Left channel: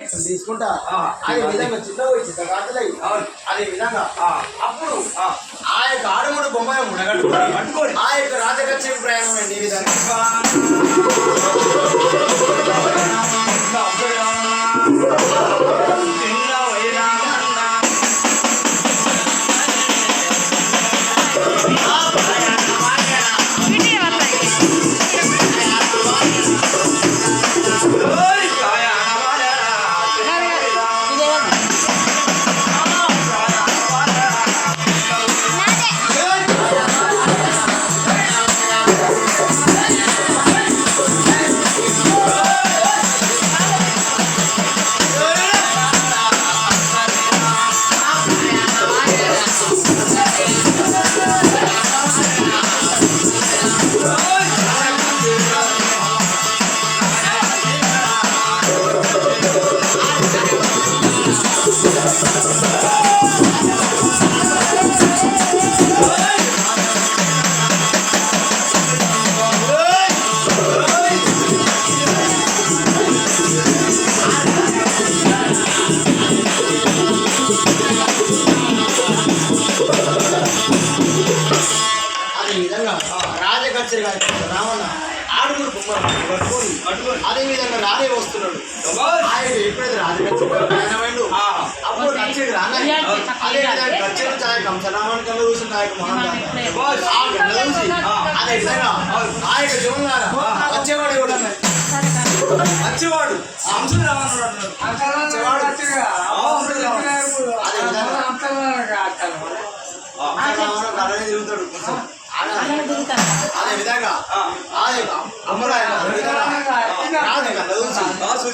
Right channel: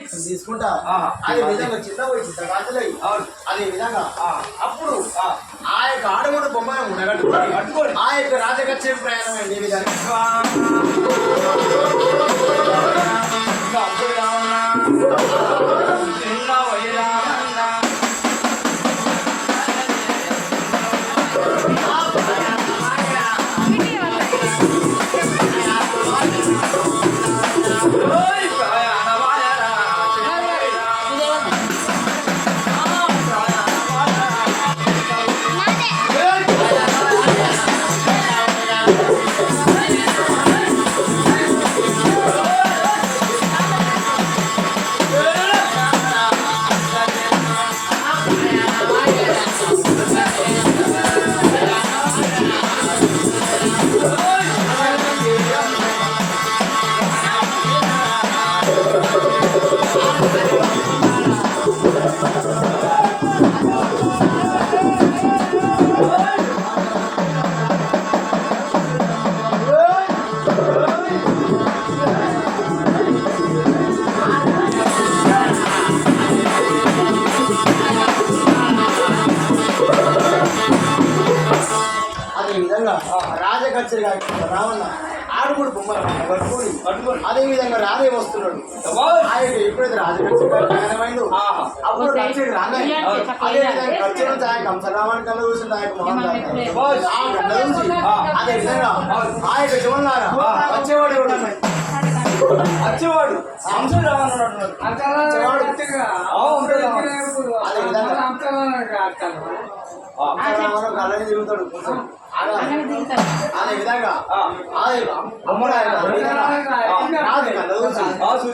తీసుకుంటా అదే విధంగా చిన్న పోయి చిన్న గాజులై అదే విధంగా అప్పుడు ఆ యొక్క ఆడముడు బొమ్మను ఉండగట్టుకొని ఆ యొక్క రాజకచ్చేరి ప్రయాణం అండి ఈ విధంగా రాజకచ్చరి రావణ ఆడుగురు బొమ్మలు పట్టుకొని అదే విధంగా రానే వస్తున్నాడు ఆయన ఎప్పుడైతే రాజకచ్చరి ప్రయాణమైండు అప్పుడు కచ్చేది రాగానే అదే విధంగా కచ్చేరి నుంచి ఆయన కంసరామన్ కళ్ళు చూసింది ఆయన మహాన్ చూసి అదే విధంగా ఆ యొక్క జోన్లారా వచ్చేవాడు ఎవడన్నా వచ్చేవాడు అదే విధంగా కళ్ళని తిరుగుతాడు కొంచెం అదే విధంగా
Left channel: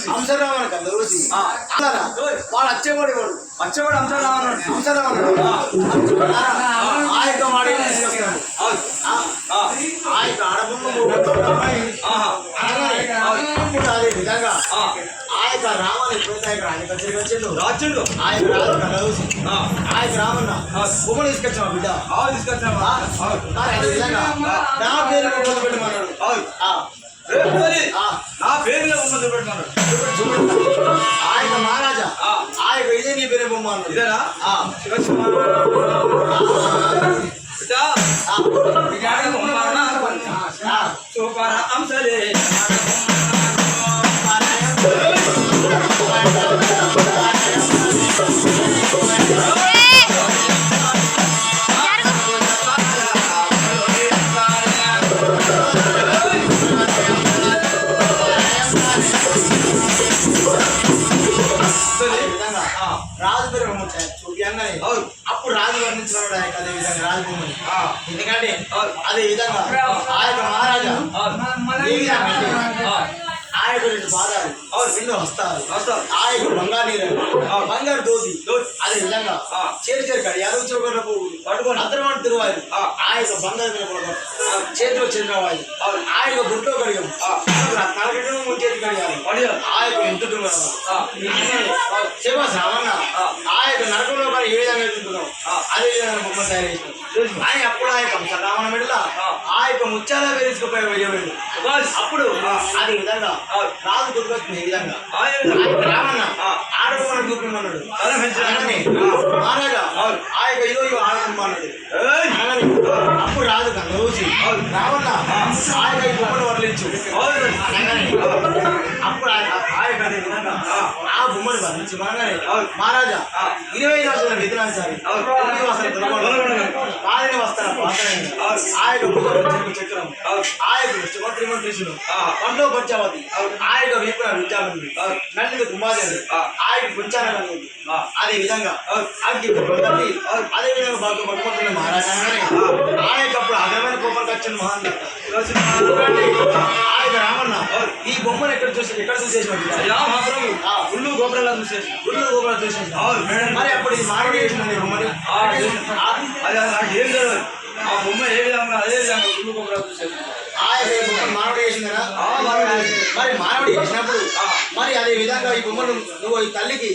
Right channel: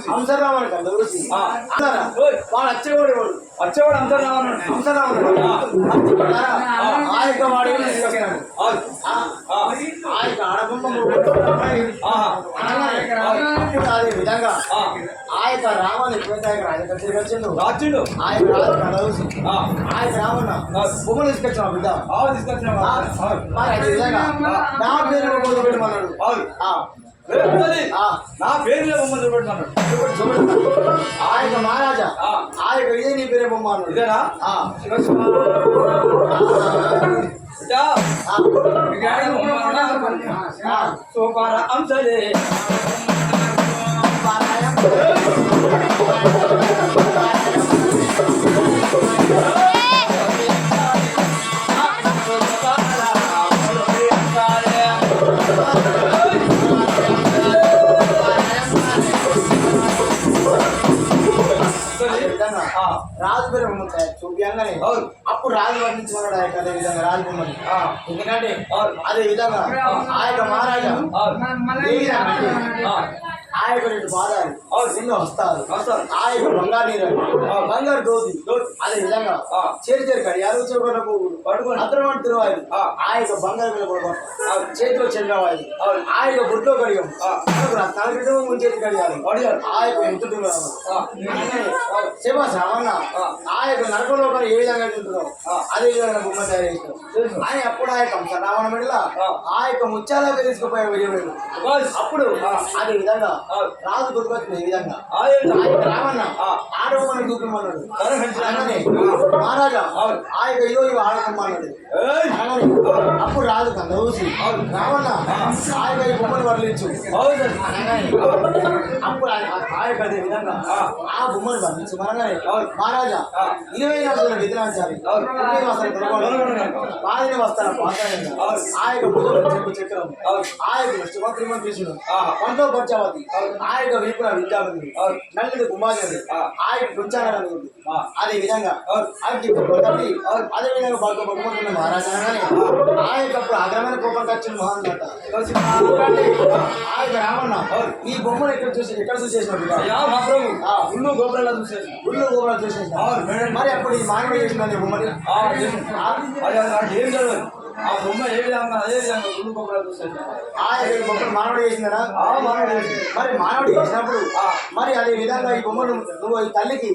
హంసరామన్ కళ్ళ చూసి వాడు వచ్చేవాడు హంసరామనుడు ఆ యొక్క మాట ఆ యొక్క ఆడబొమ్మ అప్పుడు అదే విధంగా ఆ యొక్క రామాన్ని ఎప్పుడైతే ఆయన రాజకచ్చరికి వచ్చిండు ఆ యొక్క రాజు కళ్ళ చూసి ఆ యొక్క రామన్న బొమ్మను తీసుకొచ్చావా బిడ్డ అదే విధంగా నా పేరు బొమ్మలు పెట్టమన్నాడు నా పేరు చూపెట్టమన్నాడు ఆ యొక్క మహారాజా ఆ యొక్క ఇదే నీ పేరే బొమ్మ అన్నాడు ఇదేనా సూపర్ అంశలే రాజు పేరు చూపించగానే అప్పుడు రాజు వర్ణించినాడు ఆ యొక్క అదే విధంగా రాజబొమ్మని ఎందుకంటే అదే విధంగా ఆ యొక్క మహారాజా ఏ విధంగా ఆ యొక్క రెండు పాదాలు రెండు వస్తారు ఆ యొక్క బంగారు నీరు బంగారు దోతి అదే విధంగా చేరు కడియాలు చౌకలకు పట్టుకొని అద్దరమంట తిరువాలి ఆ యొక్క బంగారు మీద చేతిలో చంద్రవాయి ఆ యొక్క బుట్లో కడియం తలకటం చేతి కడియాలి ఆ యొక్క ఎంత సేవ శ్రావణ ఆ యొక్క నరకంలో కానీ ఏ విధంగా తింటున్నాం అదే విధంగా బొమ్మ తయారు చేసినాం కానీ అప్పుడు ఆ యొక్క రావణ మెడల ఆ యొక్క ముత్యాల వేసుకుపోయే వెళ్ళిపోయాడు అప్పుడు అదే విధంగా రాజు దుర్గొస్తుంది ఈ విధంగా రామన్న ఆడబొమ్మను చూపిమన్నాడు మహారాజా ఆ యొక్క ఇదో ఇవి ఆడబొమ్మన్నాడు అప్పుడు రాజు కన్నా చూసి రావణ ఆ యొక్క ఈ బొమ్మను వర్ణించు అప్పుడు ఆ యొక్క అదే విధంగా ఆ బొమ్మను వర్ణించి మనగానే మహారాజా 24 విధులాంచాలి కాదని వస్తాను ఆ యొక్క భుజం చక్రం ఆ యొక్క త్రిమంత్రిషుడు పంటో పంచావతి ఆ యొక్క వీపున విద్యాబుద్ధి నల్లిది కుమాదేవి ఆ యొక్క కుంచాలి అదే విధంగా అగ్గి తల్లి అదే విధంగా బాగా పట్టుకుంటున్న మహారాజానే ఆ యొక్క అప్పుడు అగ్రమైన కోపం వచ్చిన మహాన్ ఆ యొక్క రామన్న ఈ బొమ్మను ఎక్కడ చూసేసిన గుళ్ళు గోపురాలు చూసేసిన మరి అప్పుడు ఈ మానవుడు చేసిన బొమ్మని ఏం తెలియదు ఆ బొమ్మ ఏ విధంగా అదే విధంగా గుళ్ళు గోపురాలు చూసేసిన బొమ్మను మానవుడు చేసినారా మరి మానవుడు చేసినప్పుడు మరి అదే విధంగా ఈ బొమ్మను నువ్వు ఈ తల్లికి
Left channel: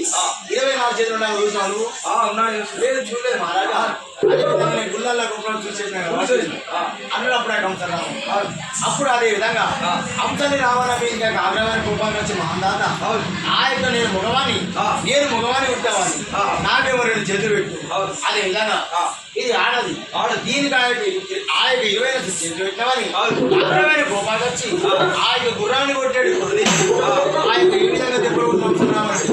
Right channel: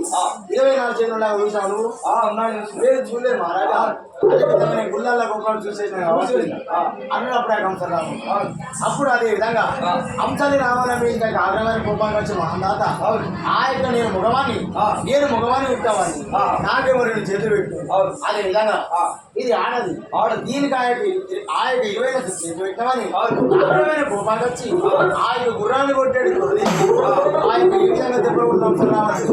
24 చేతులు ఉన్నాయో చూసావు నువ్వు ఉన్నాయి లేదు చూడలేదు మహారాజా అదేవిధంగా నేను గుళ్ళల్లో గోపురాలు చూసేసిన అన్నప్పుడు ఆ కంసరాము అప్పుడు అదే విధంగా హంసని రావణ మీద ఆగ్రహమైన కోపానికి వచ్చి మహాదాత ఆ యొక్క నేను మగవాణి ఉంటావాన్ని నాకేమో 2 చేతులు పెట్టు అదే విధంగా ఇది ఆడది దీనికి ఆ యొక్క 20 చేతులు పెట్టినామని ఆగ్రహమైన కోపానికి వచ్చి ఆ యొక్క గుర్రాన్ని కొట్టాడు ఆ యొక్క ఈ విధంగా దెబ్బలు హంసరామని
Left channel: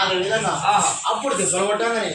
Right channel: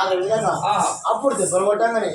అదే విధంగా అప్పుడు దెబ్బలు కొట్టంగానే